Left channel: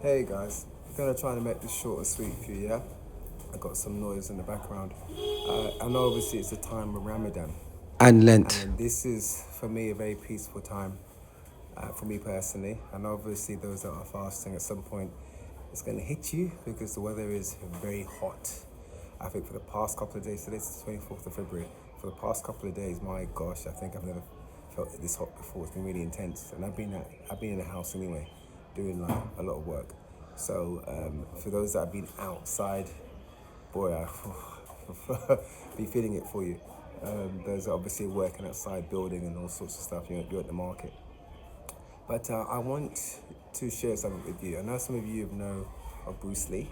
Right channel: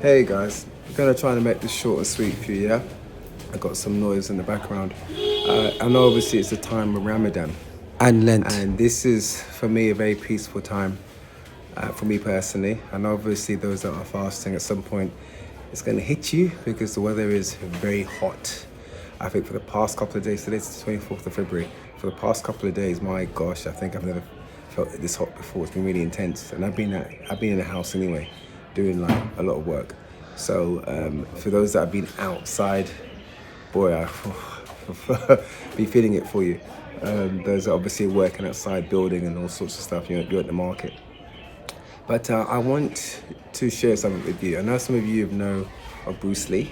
Hey guys, I'm gonna try and make this short and sweet for you, yeah? I got some noise in the background. I know obviously it's the time of Ramadan. And Lent. And this is, for me, a very peaceful time for me personally. And obviously those that are fasting at some point, it's gonna hit you because the weather is very hot. I think for the past couple of days, today's the 24th of February, for the past couple of days, my gosh, I think I've never felt it this hot before. It's been really intense. And I've been in the house anyway, doing like a lot of work. So for those that have been outside, boy, I be feeling it for you. Those that obviously working outside, building and all sorts of stuff. You're at the market. But I want to share something with you. I know some of you know of Bruce Lee.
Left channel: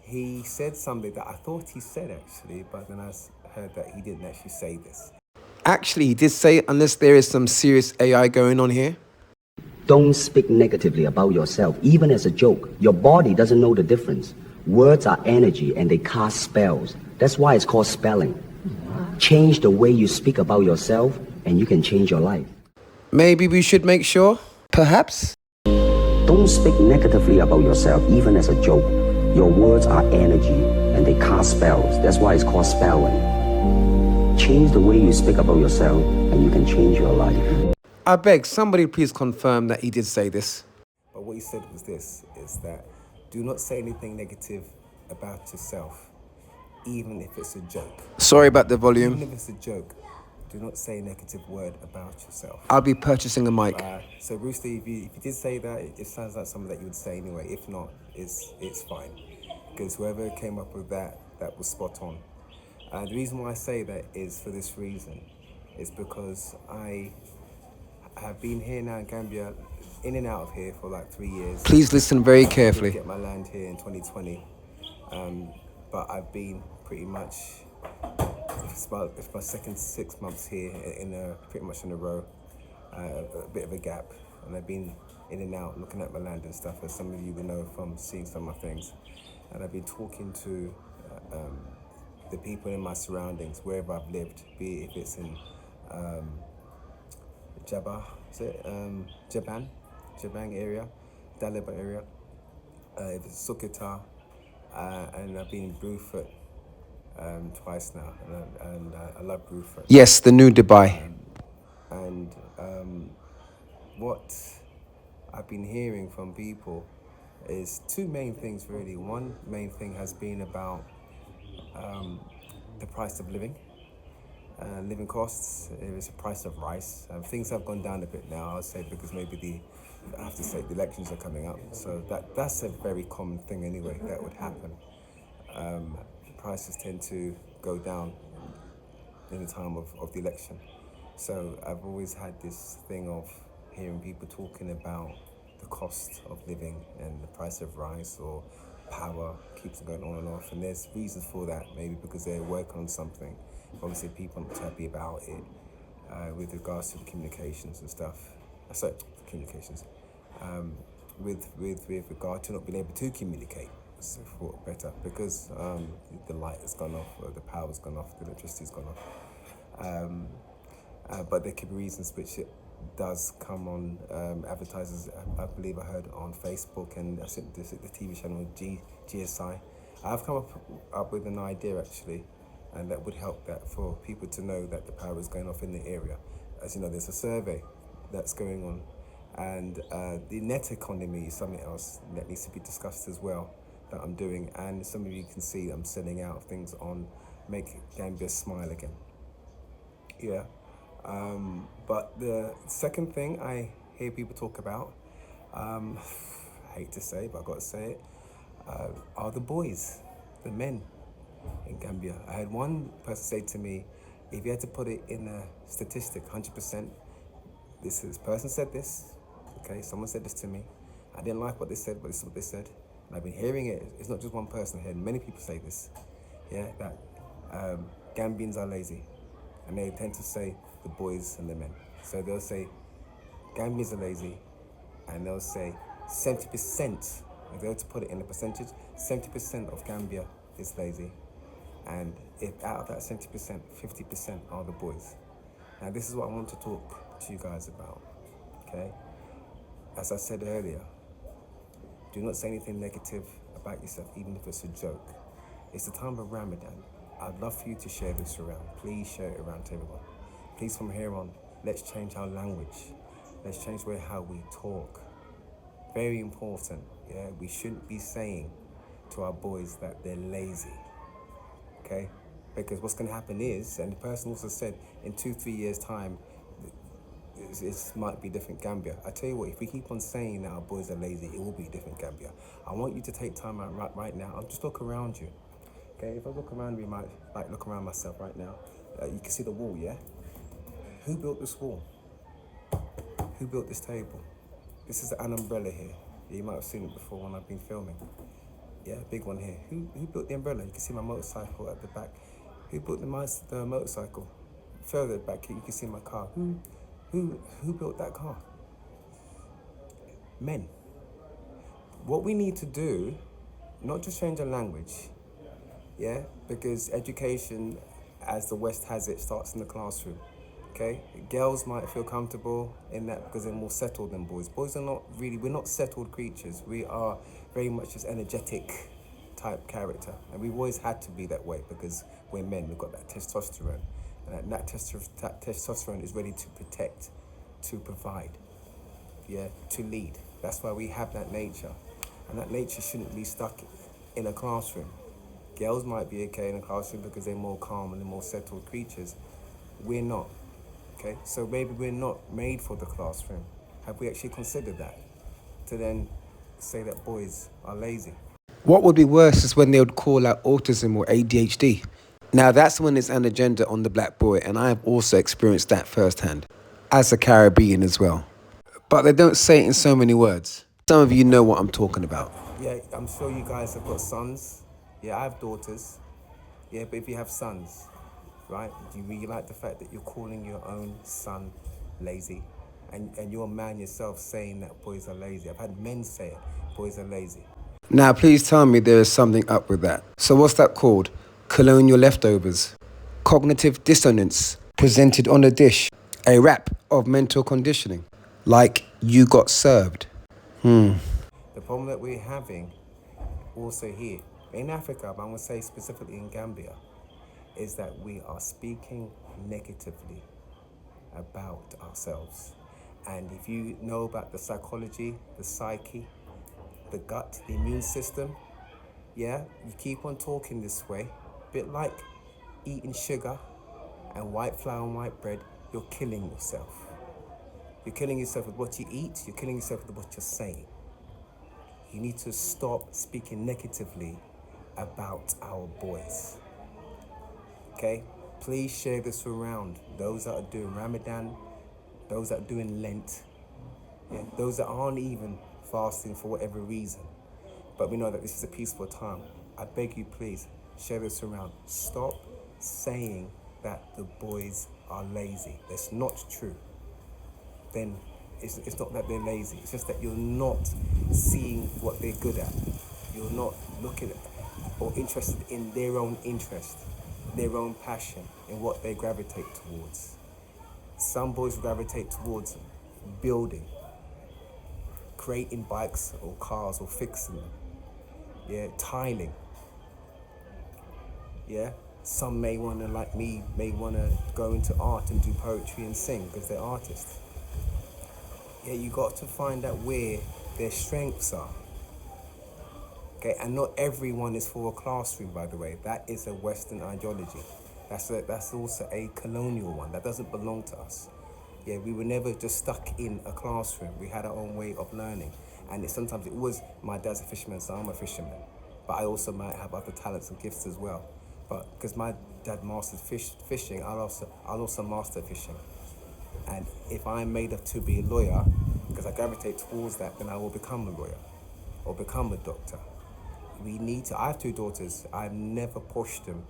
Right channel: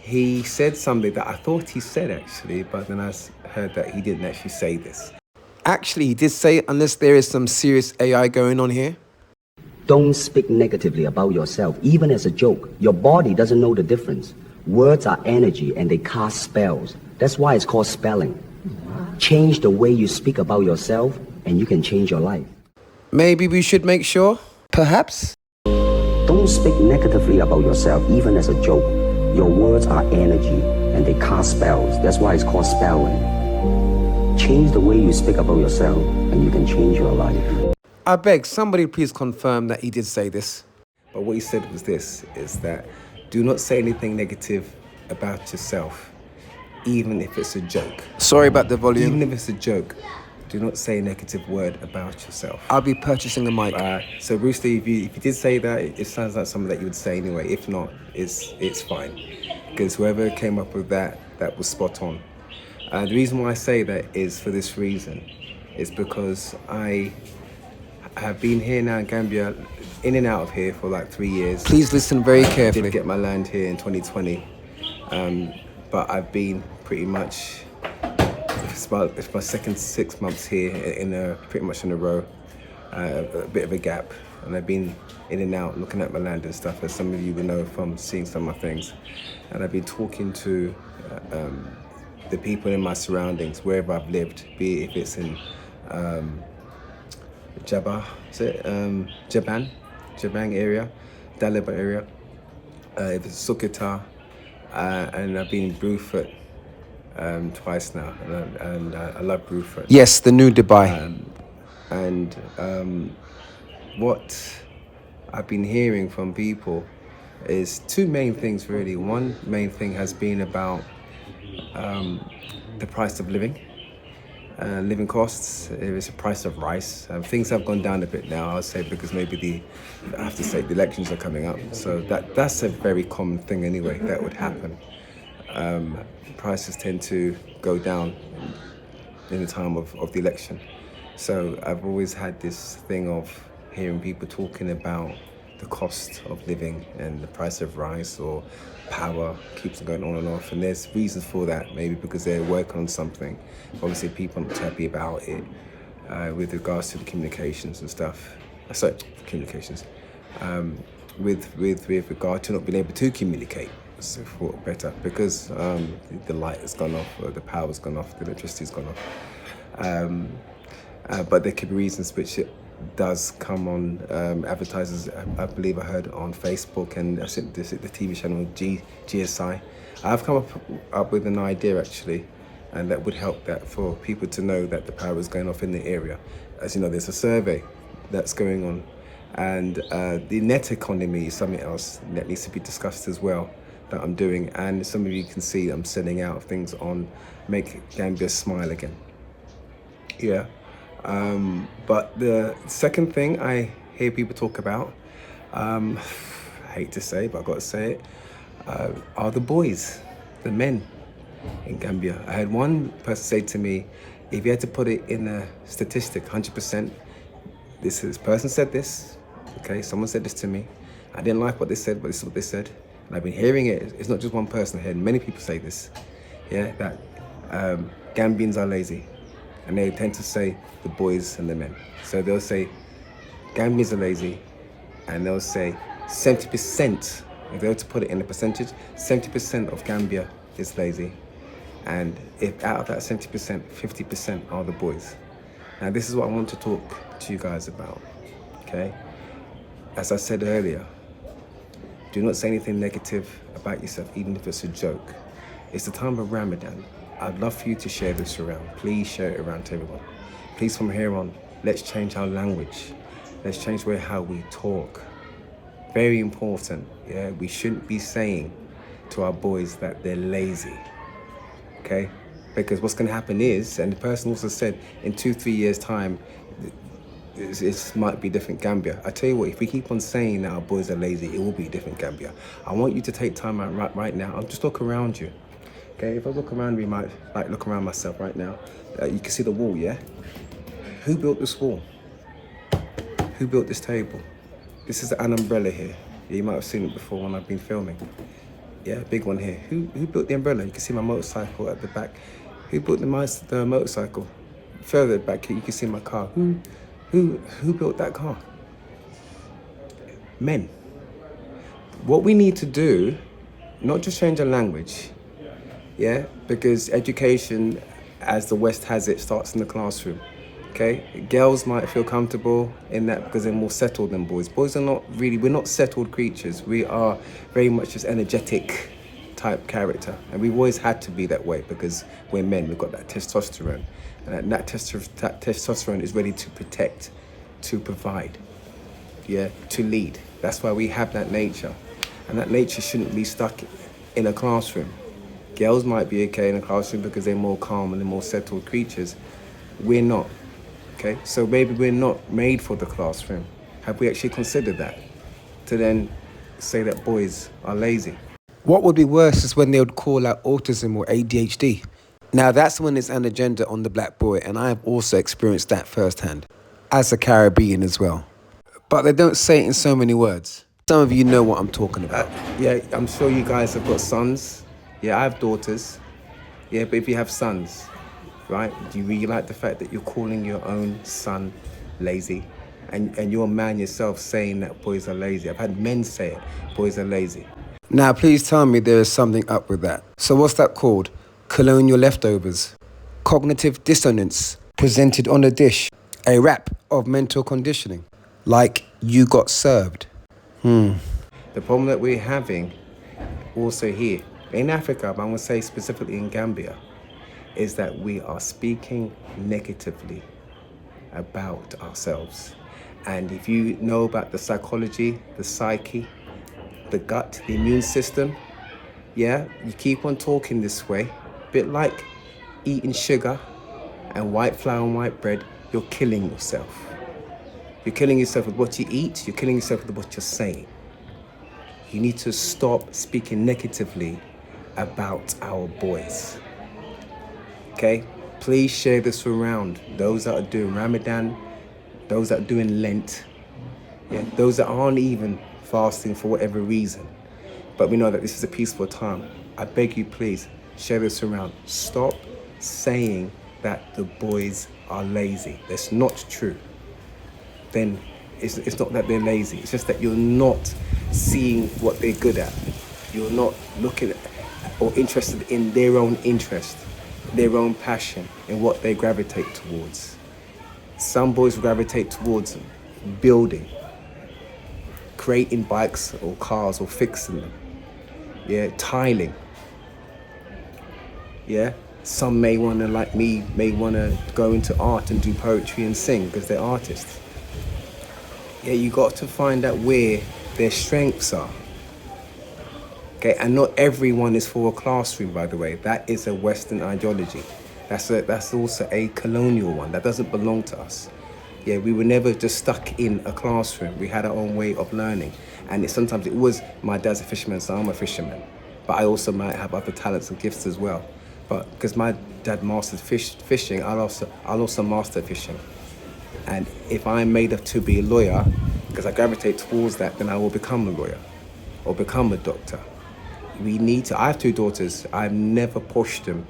He said something that I thought he said actually, but then I heard that he didn't actually say this. Actually, he did say, unless there is some serious AI going on here. Don't speak negatively about yourself, even as a joke. Your body doesn't know the difference. Words are energy and they cast spells. That's why it's called spelling. Change the way you speak about yourself and you can change your life. Maybe we should make sure, perhaps. Don't speak negatively about yourself, even as a joke. Your words are energy and they cast spells. That's why it's called spelling. Change the way you speak about yourself and you can change your life. I beg, somebody please confirm that he did say this. But what he said was this, is that do not say anything negative about yourself, even if it's a joke. Sorry about the Even volume. if it's a joke, do not say a negative word about yourself. I'll be purchasing a mic. So Bruce Lee, if you did say that, it sounds like something that you would say anyway. If not, it's fine. Because whoever came up with that was spot on. The reason why I say that is for this reason. It's because I have been here now in Gambia, in and out of here for like 3 years. Please listen very I carefully. did get my land here in 2020, but I've been pretty much, it's my second 6 months here pretty much in a row, a bit of a gap, and I've been in and out looking at my land and stuff, as some of you will know from seeing some of my things, and I've been talking to the people in my surroundings, wherever I've lived, be it if it's in Jabang area, Dalaba area, if it's Sukita, and I've been in Brufut twice now, and I love Brufut. Yes, the new Dubai. And what I've been hearing from people is two main things really. One main thing has been about the price of living. Living costs, it's the price of rice. Things have gone down a bit now, I'll say, because maybe I have to say the elections are coming up. So that's a very common thing anyway, that would happen. Prices tend to go down in the time of the election. So I've always had this thing of hearing people talking about the cost of living and the price of rice or power keeps going on and off, and there's reasons for that, maybe because they're working on something. Obviously people aren't happy about it with regards to the communications and stuff. Sorry, communications. With regard to not being able to communicate, so for better, because the light has gone off, or the power's gone off, the electricity's gone off. But there could be reasons which it does come on advertisers. I believe I heard on Facebook, and I think the TV channel GSI. I've come up with an idea actually, and that would help that for people to know that the power is going off in the area. As you know, there's a survey that's going on, and the net economy is something else that needs to be discussed as well, that I'm doing. And some of you can see I'm sending out things on Make Gambia Smile Again. Yeah. But the second thing I hear people talk about, I hate to say, but I've got to say it, are the boys, the men in Gambia. I had one person say to me, if you had to put it in a statistic, 100%, this person said this, okay, someone said this to me. I didn't like what they said, but this is what they said. And I've been hearing it. It's not just one person. I heard many people say this, yeah, that Gambians are lazy. And they tend to say the boys and the men. So they'll say Gambians are lazy, and they'll say 70%, if they were to put it in a percentage, 70% of Gambia is lazy. And if out of that 70%, 50% are the boys. Now, this is what I want to talk to you guys about, okay? As I said earlier, do not say anything negative about yourself, even if it's a joke. It's the time of Ramadan. I'd love for you to share this around. Please share it around to everyone. Please, from here on, let's change our language. Let's change how we talk. Very important, yeah? We shouldn't be saying to our boys that they're lazy, okay? Because what's gonna happen is, and the person also said, in 2-3 years' time, it might be different Gambia. I tell you what, if we keep on saying that our boys are lazy, it will be different Gambia. I want you to take time out right now and just look around you. Okay, if I look around me, might like look around myself right now. You can see the wall, yeah? Who built this wall? Who built this table? This is an umbrella here. Yeah, you might have seen it before when I've been filming. Yeah, big one here. Who built the umbrella? You can see my motorcycle at the back. Who built the motorcycle? Further back here, you can see my car. Who built that car? Men. What we need to do, not just change our language, yeah, because education, as the West has it, starts in the classroom. Okay, girls might feel comfortable in that because they're more settled than boys. Boys are not really, we're not settled creatures. We are very much just energetic type character. And we've always had to be that way because we're men, we've got that testosterone. And that testosterone is ready to protect, to provide, yeah, to lead. That's why we have that nature. And that nature shouldn't be stuck in a classroom. Girls might be okay in a classroom because they're more calm and they're more settled creatures. We're not. Okay, so maybe we're not made for the classroom. Have we actually considered that? To then say that boys are lazy. What would be worse is when they would call out autism or ADHD. Now that's when it's an agenda on the black boy, and I have also experienced that firsthand, as a Caribbean as well. But they don't say it in so many words. Some of you know what I'm talking about. Yeah, I'm sure you guys have got sons. Yeah, I have daughters. Yeah, but if you have sons, right, do you really like the fact that you're calling your own son lazy? And you're a man yourself saying that boys are lazy. I've had men say it, boys are lazy. Now please tell me there is something up with that. So what's that called? Colonial leftovers. Cognitive dissonance presented on a dish. A wrap of mental conditioning. Like you got served. The problem that we're having also here, in Africa, but I'm going to say specifically in Gambia, is that we are speaking negatively about ourselves. And if you know about the psychology, the psyche, the gut, the immune system, yeah, you keep on talking this way, a bit like eating sugar and white flour and white bread, you're killing yourself. You're killing yourself with what you eat, you're killing yourself with what you're saying. You need to stop speaking negatively about our boys. Okay? Please share this around. Those that are doing Ramadan, those that are doing Lent, yeah, those that aren't even fasting for whatever reason. But we know that this is a peaceful time. I beg you, please, share this around. Stop saying that the boys are lazy. That's not true. Then it's not that they're lazy. It's just that you're not seeing what they're good at. You're not looking at or interested in their own interest, their own passion, in what they gravitate towards. Some boys gravitate towards building, creating bikes or cars or fixing them. Yeah, tiling. Yeah, some may want to, like me, may want to go into art and do poetry and sing because they're artists. Yeah, you got to find out where their strengths are. Okay, and not everyone is for a classroom, by the way. That is a Western ideology. That's also a colonial one. That doesn't belong to us. Yeah, we were never just stuck in a classroom. We had our own way of learning. And sometimes it was, my dad's a fisherman, so I'm a fisherman. But I also might have other talents and gifts as well. But because my dad mastered fishing, I'll also master fishing. And if I'm made up to be a lawyer, because I gravitate towards that, then I will become a lawyer or become a doctor. I have 2 daughters. I've never pushed them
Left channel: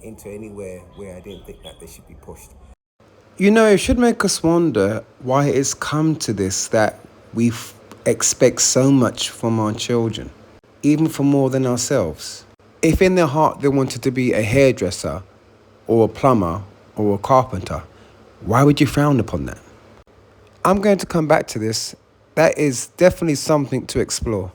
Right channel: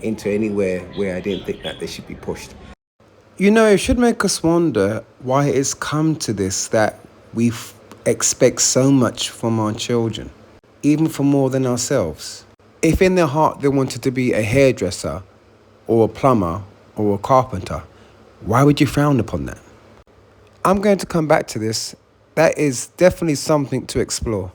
into anywhere where I didn't think that they should be pushed. You know, it should make us wonder why it's come to this, that we expect so much from our children, even for more than ourselves. If in their heart they wanted to be a hairdresser or a plumber or a carpenter, why would you frown upon that? I'm going to come back to this. That is definitely something to explore.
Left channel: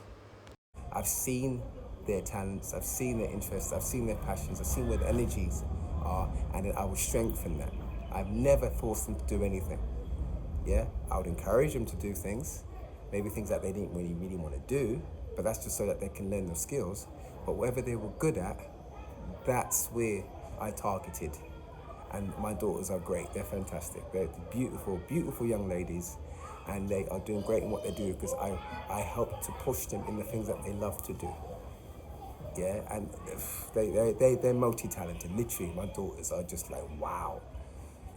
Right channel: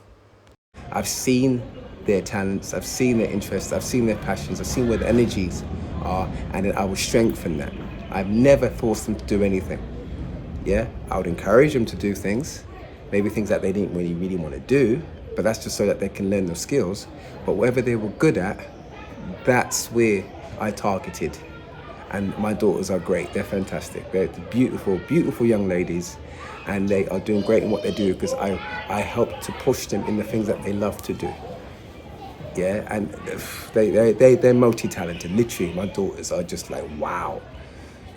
I've seen their talents, I've seen their interests, I've seen their passions, I've seen where the energies are, and then I will strengthen that. I've never forced them to do anything. Yeah, I would encourage them to do things, maybe things that they didn't really want to do, but that's just so that they can learn those skills. But whatever they were good at, that's where I targeted. And my daughters are great, they're fantastic. They're beautiful, beautiful young ladies, and they are doing great in what they do because I help to push them in the things that they love to do. Yeah, and they're multi-talented. Literally, my daughters are just like, wow.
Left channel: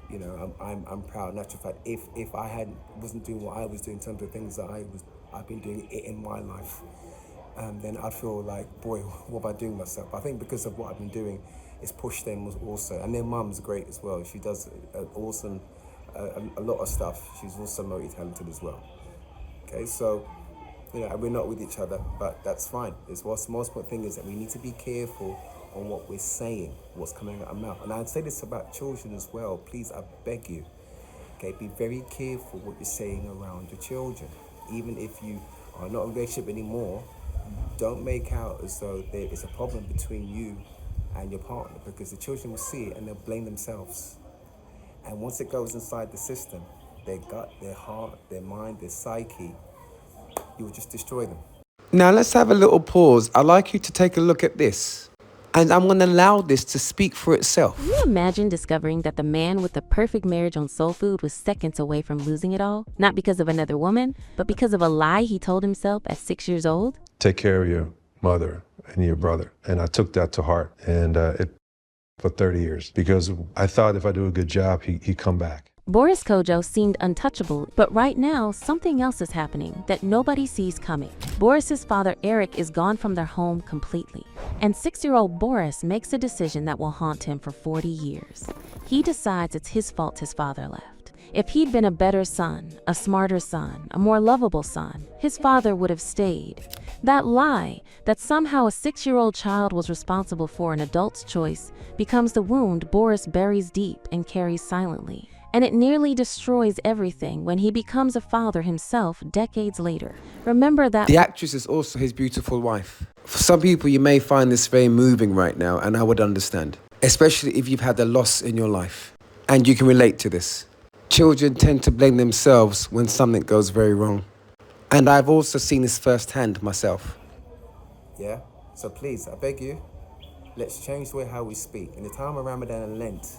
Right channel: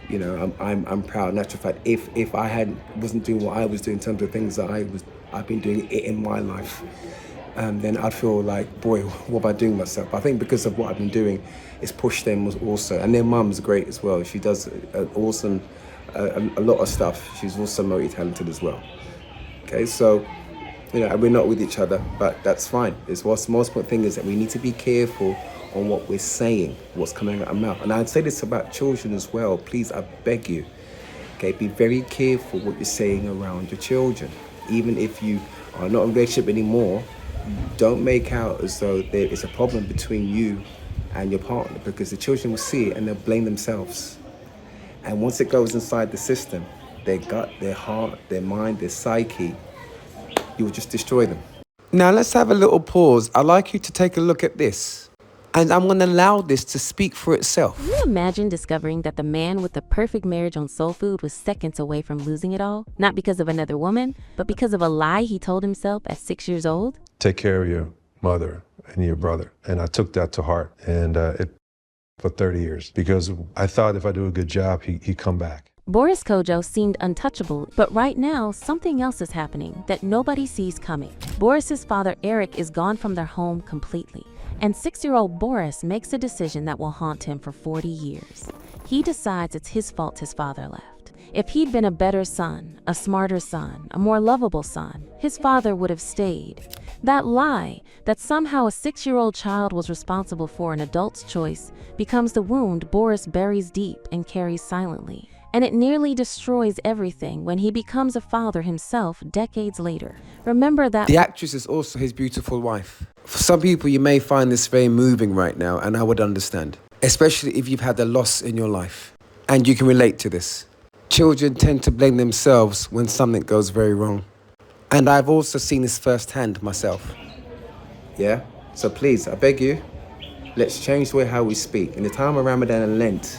You know, I'm proud. In actual fact, if I wasn't doing what I was doing in terms of things that I've been doing it in my life, then I'd feel like, boy, what am I doing myself? But I think because of what I've been doing, it's pushed them also. And their mum's great as well. She does an awesome, a lot of stuff. She's also multi-talented as well. Okay, so, you know, we're not with each other, but that's fine. What's the most important thing is that we need to be careful on what we're saying, what's coming out of our mouth. And I'd say this about children as well. Please, I beg you, okay, be very careful what you're saying around your children. Even if you are not in a relationship anymore, don't make out as though there is a problem between you and your partner, because the children will see it and they'll blame themselves. And once it goes inside the system, their gut, their heart, their mind, their psyche, you will just destroy them. Now let's have a little pause. I'd like you to take a look at this. And I'm going to allow this to speak for itself. Can you imagine discovering that the man with the perfect marriage on soul food was seconds away from losing it all? Not because of another woman, but because of a lie he told himself at 6 years old? Take care of your mother and your brother. And I took that to heart. And for 30 years, because I thought if I do a good job, he'd come back. Boris Kodjoe seemed untouchable, but right now, something else is happening that nobody sees coming. Boris's father, Eric, is gone from their home completely. And 6-year-old Boris makes a decision that will haunt him for 40 years. He decides it's his fault his father left. If he'd been a better son, a smarter son, a more lovable son, his father would have stayed. That lie, that somehow a 6-year-old child was responsible for an adult's choice, becomes the wound Boris buries deep and carries silently. And it nearly destroys everything when he becomes a father himself decades later. Remember that the actress is also his beautiful wife. For some people, you may find this very moving right now, and I would understand, especially if you've had a loss in your life, and you can relate to this. Children tend to blame themselves when something goes very wrong. And I've also seen this firsthand myself. Yeah, so please, I beg you, let's change the way how we speak. In the time of Ramadan and Lent,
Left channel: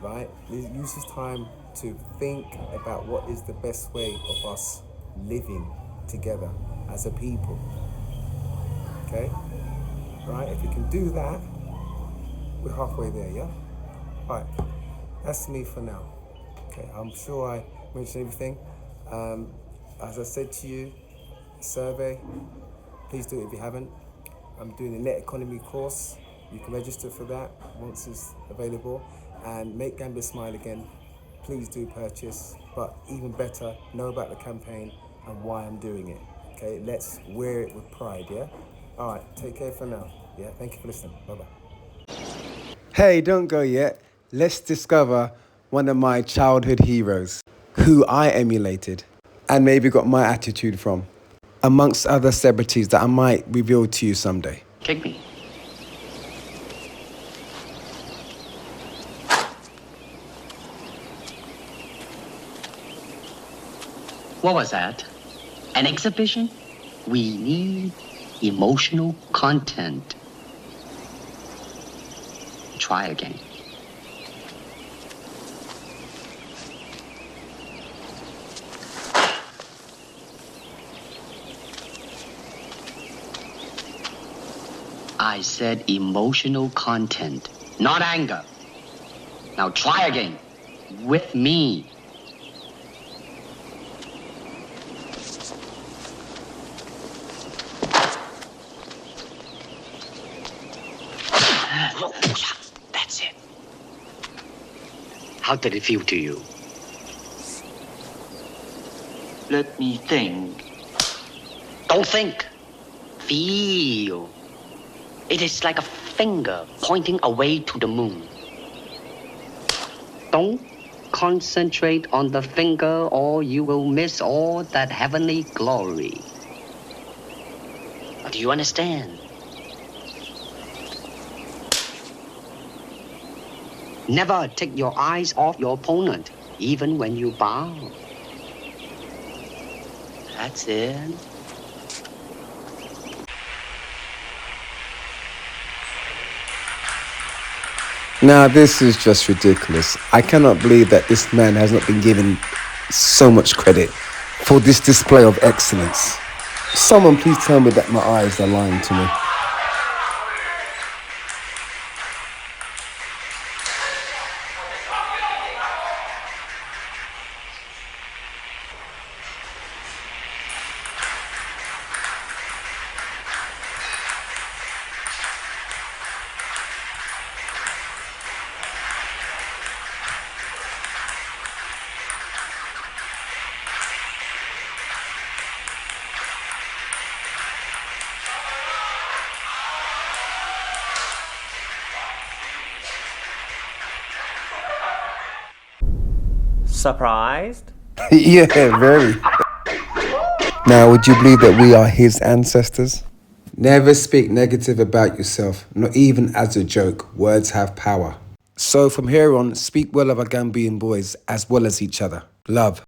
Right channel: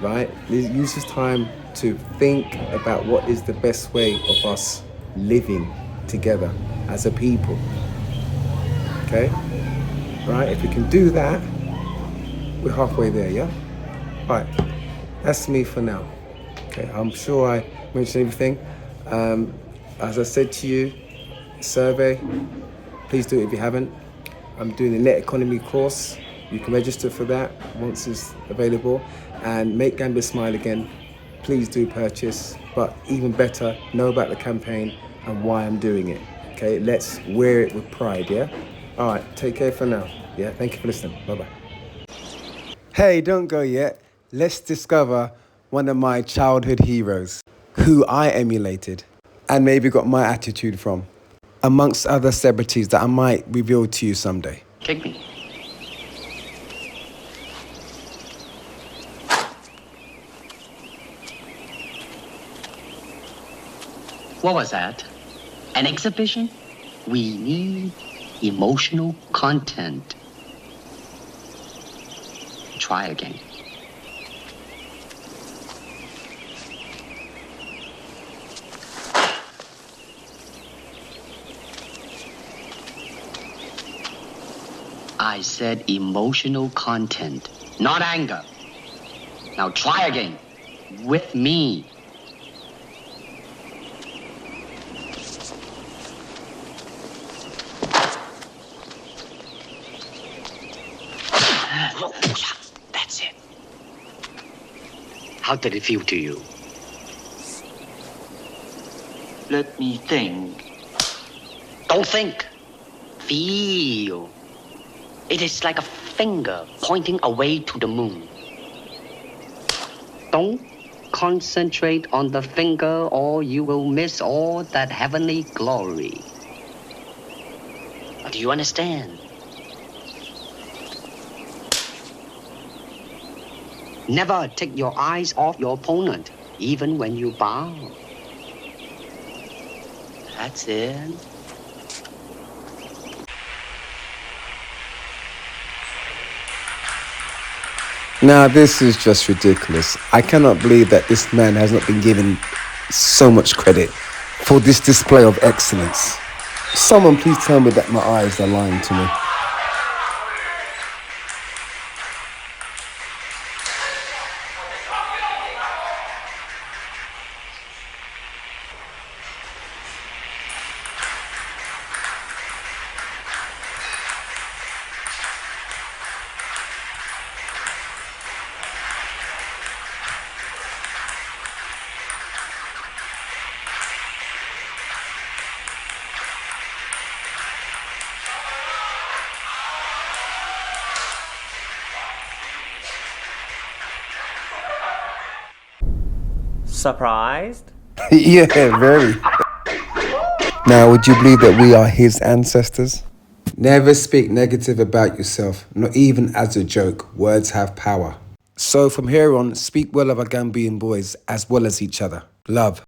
right? Use this time to think about what is the best way of us living together as a people. Okay? Right? If we can do that, we're halfway there, yeah? All right. That's me for now. Okay, I'm sure I mentioned everything. As I said to you, survey, please do it if you haven't. I'm doing a net economy course. You can register for that once it's available. And Make Gambia Smile Again, please do purchase. But even better, know about the campaign and why I'm doing it. Okay, let's wear it with pride, yeah? All right, take care for now. Yeah, thank you for listening. Bye-bye. Hey, don't go yet. Let's discover one of my childhood heroes, who I emulated and maybe got my attitude from, amongst other celebrities that I might reveal to you someday. Kick me. What was that? An exhibition? We need emotional content. Try again. I said emotional content, not anger. Now try again. With me. That's it. How did it feel to you? Let me think. Don't think. Feel. It is like a finger pointing away to the moon. Don't concentrate on the finger or you will miss all that heavenly glory. Do you understand? Never take your eyes off your opponent, even when you bow. That's it. Now, this is just ridiculous. I cannot believe that this man has not been given so much credit for this display of excellence. Someone please tell me that my eyes are lying to me. Surprised? Yeah, very. Now, would you believe that we are his ancestors? Never speak negative about yourself, not even as a joke. Words have power. So from here on, speak well of our Gambian boys as well as each other. Love.